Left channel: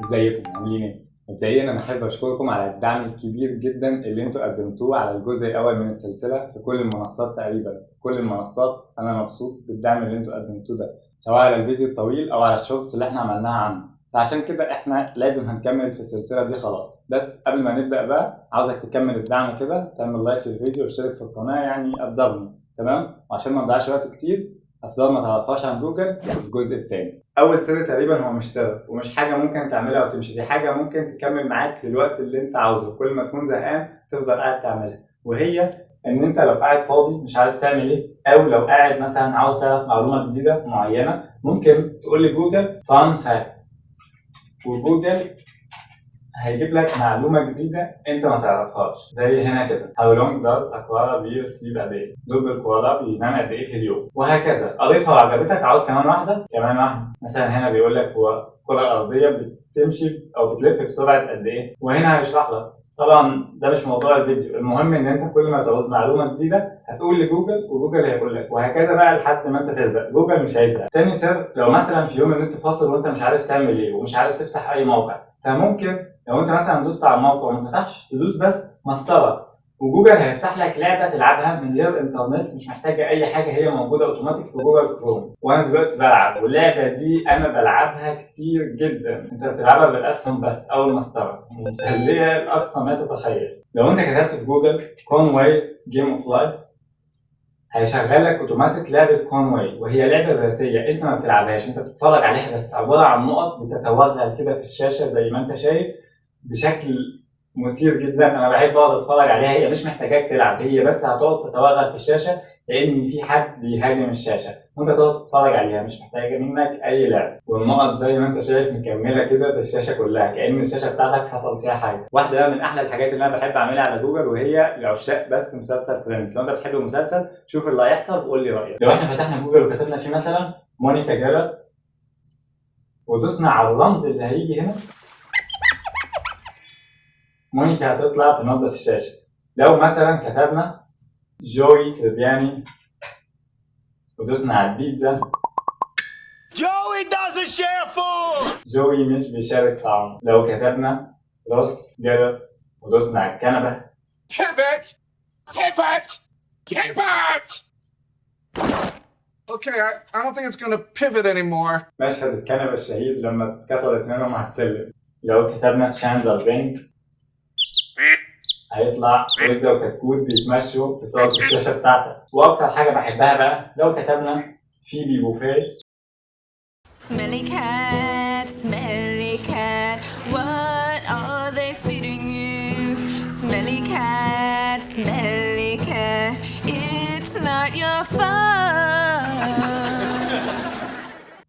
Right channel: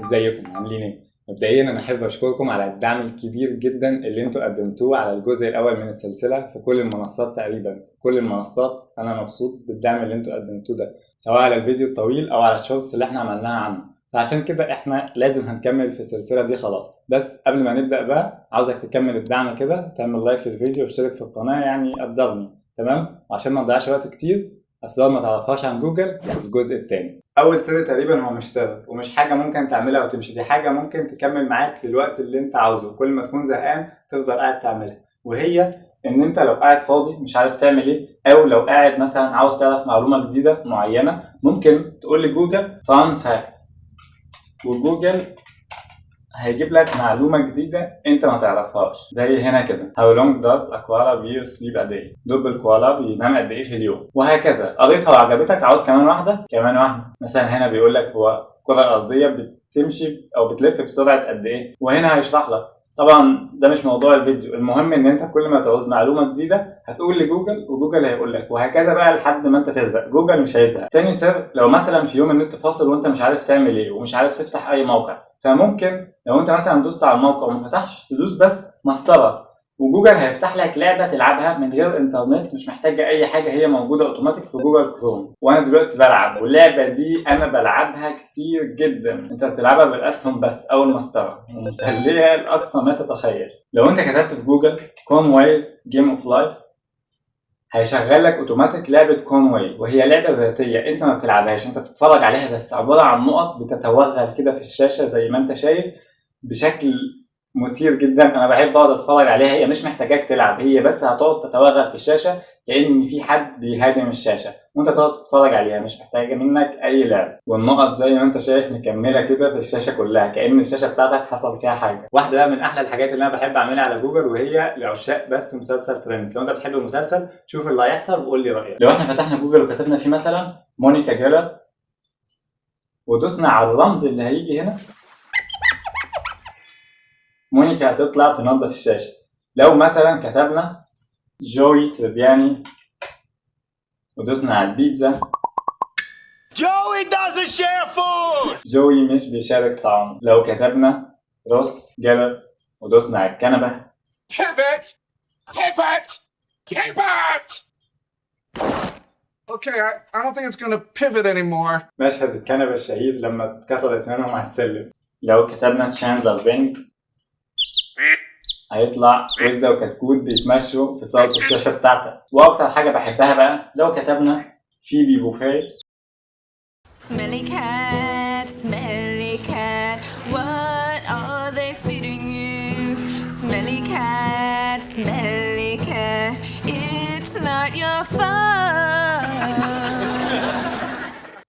ازيكم عاملين ايه؟ مبدئيا انا احب اشكركم على الدعم الكبير جدا اللي انتوا قدمتوه على الجزء الاول من السلسله في كل المنصات تقريبا. في كل المنصات انا مبسوط بالدعم اللي انتوا قدمتوه ده، سواء على الفيديو الطويل او على الشورتس اللي احنا عملناها عنه. فعشان كده احنا لازم هنكمل في السلسله دي خلاص. بس قبل ما نبدا بقى عاوزك تكمل الدعم كده، تعمل لايك للفيديو واشترك في القناه، يعني قدرني تمام. وعشان ما نضيعش وقت كتير، اسرار ما تعرفهاش عن جوجل الجزء الثاني. اول سر تقريبا هو مش سر ومش حاجه ممكن تعملها وتمشي، دي حاجه ممكن تكمل معاك للوقت اللي انت عاوزه، كل ما تكون زهقان تفضل قاعد تعملها. وهي ان انت لو قاعد فاضي مش عارف تعمل ايه، او لو قاعد مثلا عاوز تعرف معلومه جديده معينه، ممكن تقول لجوجل فان فاكتس، وجوجل هيجيب لك معلومة جديدة انت ما تعرفهاش. زي هنا كده How long does a koala bear sleep a day؟ دب الكوالا بينام قد ايه في اليوم، وهكذا. قريتها وعجبتك، عاوز كمان واحدة كمان واحدة. مثلا هنا بيقول لك هو الكرة الأرضية بتمشي أو بتلف بسرعة قد ايه، وهنا هيشرح لك. طبعا ده مش موضوع الفيديو، المهم ان انت كل ما تعوز معلومة جديدة هتقول لجوجل وجوجل هيقول لك، وهكذا بقى لحد ما انت تزهق. جوجل مش هيزهق. تاني سر، لو مثلا في يوم النت فاصل وانت مش عارف تعمل ايه ومش عارف تفتح اي موقع، فممكن لو انت مثلا دوست على الموقع وما فتحش تدوس بس مسطره، وجوجل هيفتح لك لعبه تلعبها من غير انترنت، مش محتاجه اي حاجه، هي موجوده اوتوماتيك في جوجل كروم. وانا دلوقتي بلعب، واللعبه دي انا بلعبها كتير جدا. انت بتلعبها بالاسهم بس او المسطره، مسليه لاقصى ما تتخيل. لو انت كتبت في جوجل كونوايز جيم اوف لايف هيشغل لك اوتوماتيك لعبه كونواي، وهي لعبه ذاتيه انت ما بتلعبهاش، انت بتتفرج عليها بس، عباره عن نقط بتتوغل كده في الشاشه زي ما انت شايف بشكل مثير جدا. انا بحب اقعد اتفرج عليها، هي مش محتاجاك تلعب، هي بس هتقعد تتوغل في الشاشه كأن في حد بيهاجم الشاشه وانت تقعد تتفرج عليها، مش محتاجه منك اي لعب. والنقط زي ما انت شايف مكمله كده في الشاشه كلها كأن الشاشه بتاعتك حصل فيها حاجه. واحده بقى من احلى الحاجات اللي انا بحب اعملها على جوجل، وهي لعشاق بس مسلسل فريندز. لو انت بتحب المسلسل شوف اللي هيحصل وقول لي رايك. لو احنا فتحنا جوجل وكتبنا فيه مثلا مونيكا جيرل ودوسنا على الرمز اللي هيجي هنا، مونيكا هتطلع تنظف الشاشة. لو مثلا كتبنا جوي تربياني ودوسنا على البيتزا، Joey doesn't share food! جوي مش بيشارك طعمه. لو كتبنا روس جيرل ودوسنا على الكنبة، Pivot! Pivot! Pivot! Okay, I don't think it's gonna pivot anymore. مشهد الكنبة الشهير لما اتكسرت منهم على السلم. لو كتبنا تشاندلر بينج هيطلع وزة وكتكوت بيتمشوا في صالة الشاشة بتاعتك. وأكتر حاجة بحبها بقى لو كتبنا فيبي بوفيه، Smelly cat, what are they feeding you? Smelly cat, it's not your fault.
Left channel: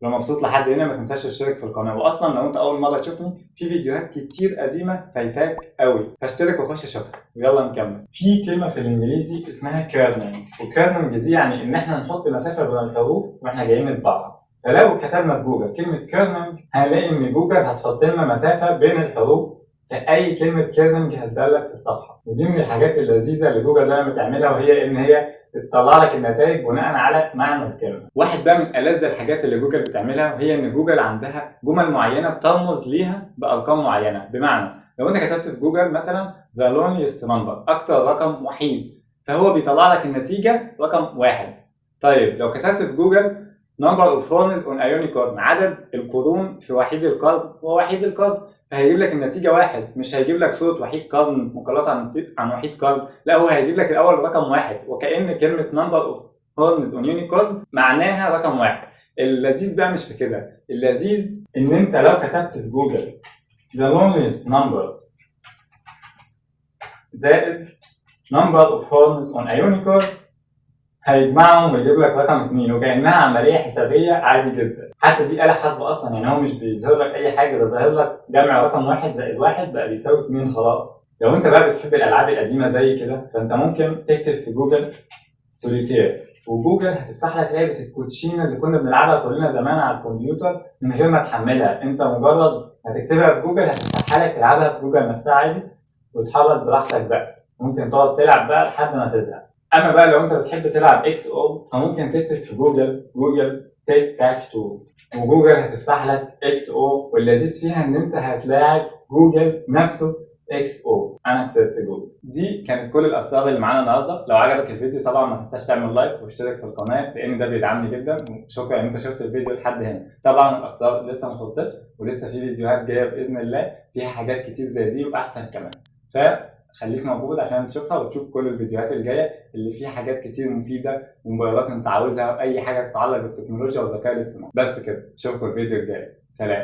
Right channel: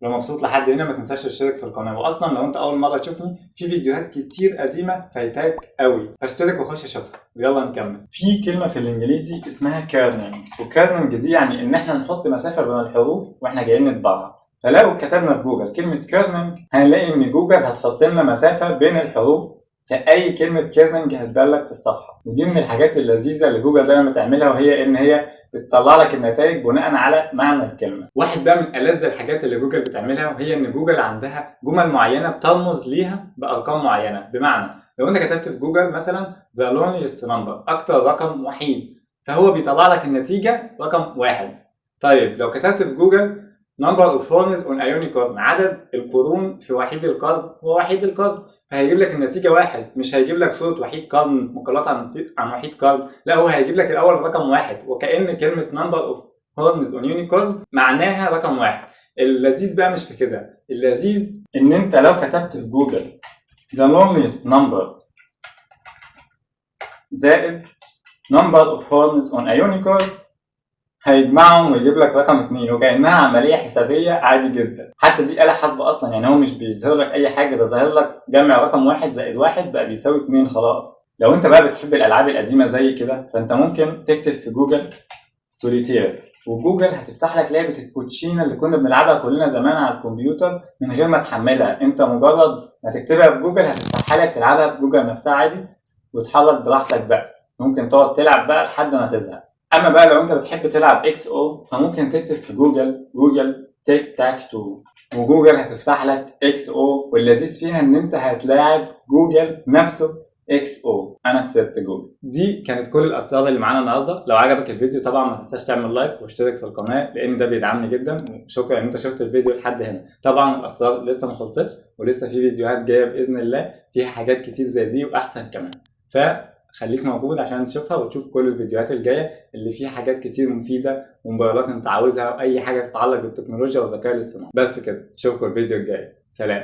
لو مبسوط لحد هنا ما تنساش تشترك في القناه. واصلا لو انت اول مره تشوفني، في فيديوهات كتير قديمه فايتاك قوي، فاشترك وخش شوفها. ويلا نكمل. في كلمه في الانجليزي اسمها كيرنينج، وكيرنينج دي يعني ان احنا نحط مسافه بين الحروف واحنا جايين نطبعها. فلو كتبنا في جوجل كلمه كيرنينج هنلاقي ان جوجل هتحط لنا مسافه بين الحروف في اي كلمه كيرنينج هتبان لك في الصفحه. ودي من الحاجات اللذيذه اللي جوجل دايما بتعملها، وهي ان هي بتطلع لك النتائج بناء على معنى الكلمه. واحد بقى من ألذ الحاجات اللي جوجل بتعملها، وهي ان جوجل عندها جمل معينه بترمز ليها بارقام معينه. بمعنى لو انت كتبت في جوجل مثلا the loneliest number، اكتر رقم وحيد، فهو بيطلع لك النتيجه رقم واحد. طيب لو كتبت في جوجل number of horns on a unicorn، عدد القرون في وحيد القرن، هو وحيد القرن، فهيجيب لك النتيجة واحد، مش هيجيب لك صورة وحيد قرن مقالات عن وحيد قرن، لا هو هيجيب لك الأول رقم واحد، وكأن كلمة number of horns on unicorn معناها رقم واحد. اللذيذ بقى مش في كده، اللذيذ إن أنت لو كتبت في جوجل the loneliest number زائد number of horns on a unicorn هيجمعهم ويجيب لك رقم 2، وكأنها عملية حسابية عادي جدا. حتى دي آلة حاسبة أصلا، يعني هو مش بيظهر لك أي حاجة، ده ظاهر لك جمع رقم 1 زائد 1 بقى بيساوي 2 خلاص. لو أنت بقى بتحب الألعاب القديمة زي كده، فأنت ممكن تكتب في جوجل سوليتير، وجوجل هتفتح لك لعبة الكوتشينة اللي كنا بنلعبها كلنا زمان على الكمبيوتر من غير ما تحملها. أنت مجرد ما تكتبها في جوجل هتفتحها لك تلعبها في جوجل نفسها عادي، وتحرك براحتك بقى، ممكن تقعد تلعب بقى لحد ما تزهق. اما بقى لو انت بتحب تلعب اكس او، فممكن تكتب في جوجل تيك تاك تو، وجوجل هتفتح لك اكس او، واللذيذ فيها ان انت هتلاعب جوجل نفسه اكس او. انا كسبت جوجل. دي كانت كل الاسرار اللي معانا النهارده. لو عجبك الفيديو طبعا ما تنساش تعمل لايك واشترك في القناه، لان ده بيدعمني جدا. وشكرا ان انت شفت الفيديو لحد هنا. طبعا الاسرار لسه ما خلصتش، ولسه في فيديوهات جايه باذن الله فيها حاجات كتير زي دي واحسن كمان. فخليك موجود عشان تشوفها وتشوف كل الفيديوهات الجايه اللي فيها حاجات كتير مفيده وموبايلات انت عاوزها واي حاجه تتعلق بالتكنولوجيا والذكاء الاصطناعي. بس كده، اشوفكم الفيديو الجاي. سلام.